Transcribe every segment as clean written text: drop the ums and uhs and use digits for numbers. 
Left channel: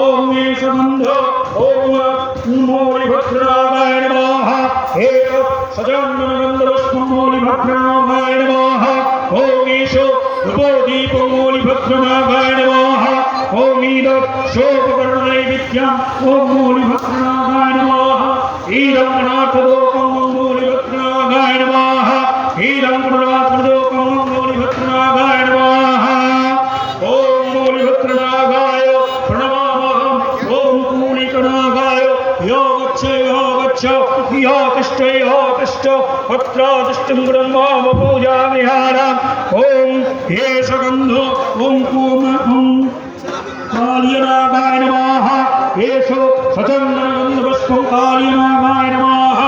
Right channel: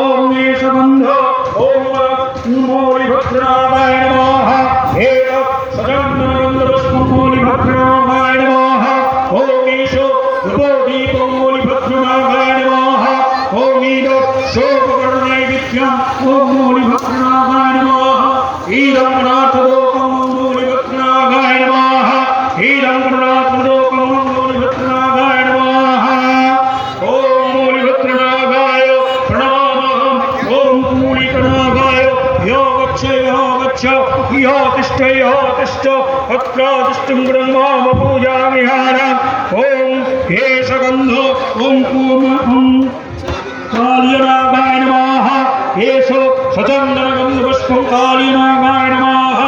ओम ईशबंध ओम मूलिभद्राय नमः एक सजन्मनगन्धपुष्पमूलिभद्राय नमः ओम ईशो रूपोदीपं मूलिभद्राय नमः ओम ईद शोभकर्णनैवेद्यम् ओम मूलिभद्राय नमः ईदं गणार्थदोकं मूलिभद्राय नमः ईदं गणार्थदोकं मूलिभद्राय नमः ओम मूलिभद्राय प्रणमामहम् ओम मूलिकनागाय यो गच्छ यो तिष्ठ अत्र तिष्ठं ब्रह्म पूजामि हारम् ओम केशगन्ध ओम पूर्णं कालीनागाय नमः येषु सचन्द्रगन्धपुष्पं कालीनागाय नमः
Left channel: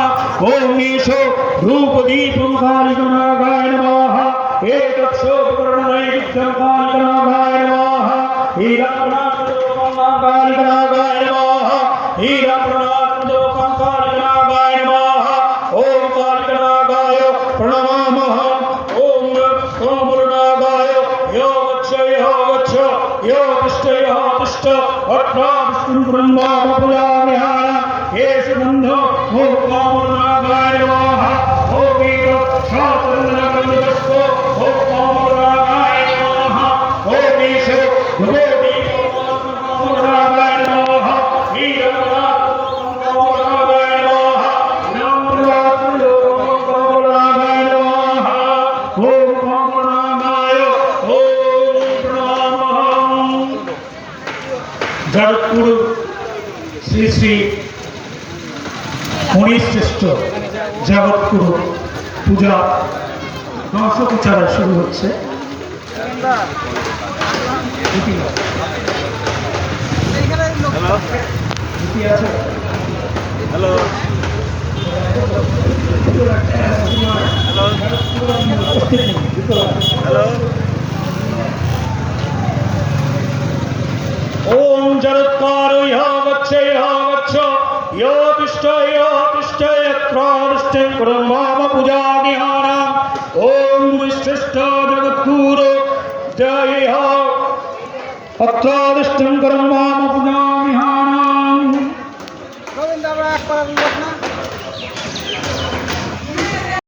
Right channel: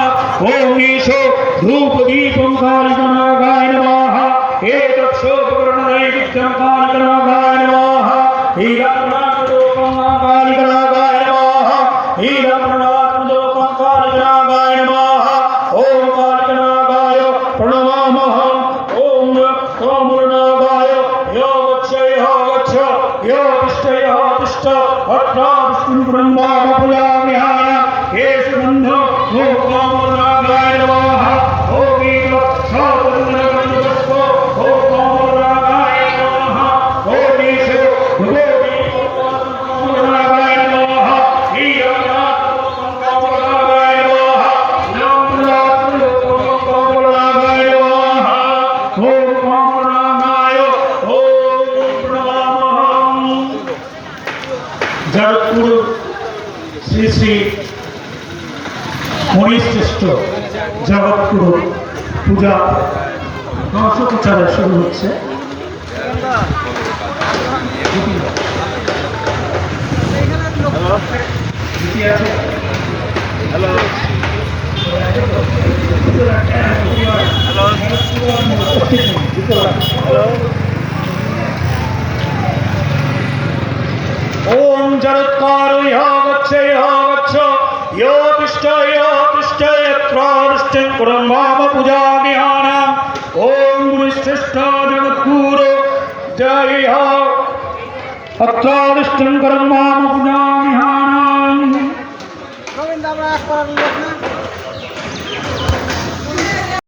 ओम येषु धूपदीपं कालीनागाय नमः एतत् शोभकर्णनैवेद्यं कालीनागाय नमः ईदं कालीनागाय नमः ईदं कालीनागाय नमः ओम कालीनागाय प्रणमामहम् ओम कामनागाय यो गच्छ यो तिष्ठ अत्र विष्णुं ब्रह्मा पूजामि हारम् येषु बन्ध ओम कामनागाय नमः ओम ईदं ओम कामनागाय नमः ओम ईशो कामनागाय नमः ईदं कामनागाय नमः कामनागाय नमः ओम कामनागाय ओम प्रणमामहम् जगतगुरु श्री श्री मुनिश्रेष्ठ जगतगुरु पूजा दर्शोपचार शुरू হচ্ছে हेलो ओम जरत्कारो यो गच्छ यो तिष्ठ यत्राष्टं ब्रह्म पूजामि हारम् ओम गुरुश्रेष्ठ जगद्गुरु जय अत्राष्टं ब्रह्म पूजामि हारम्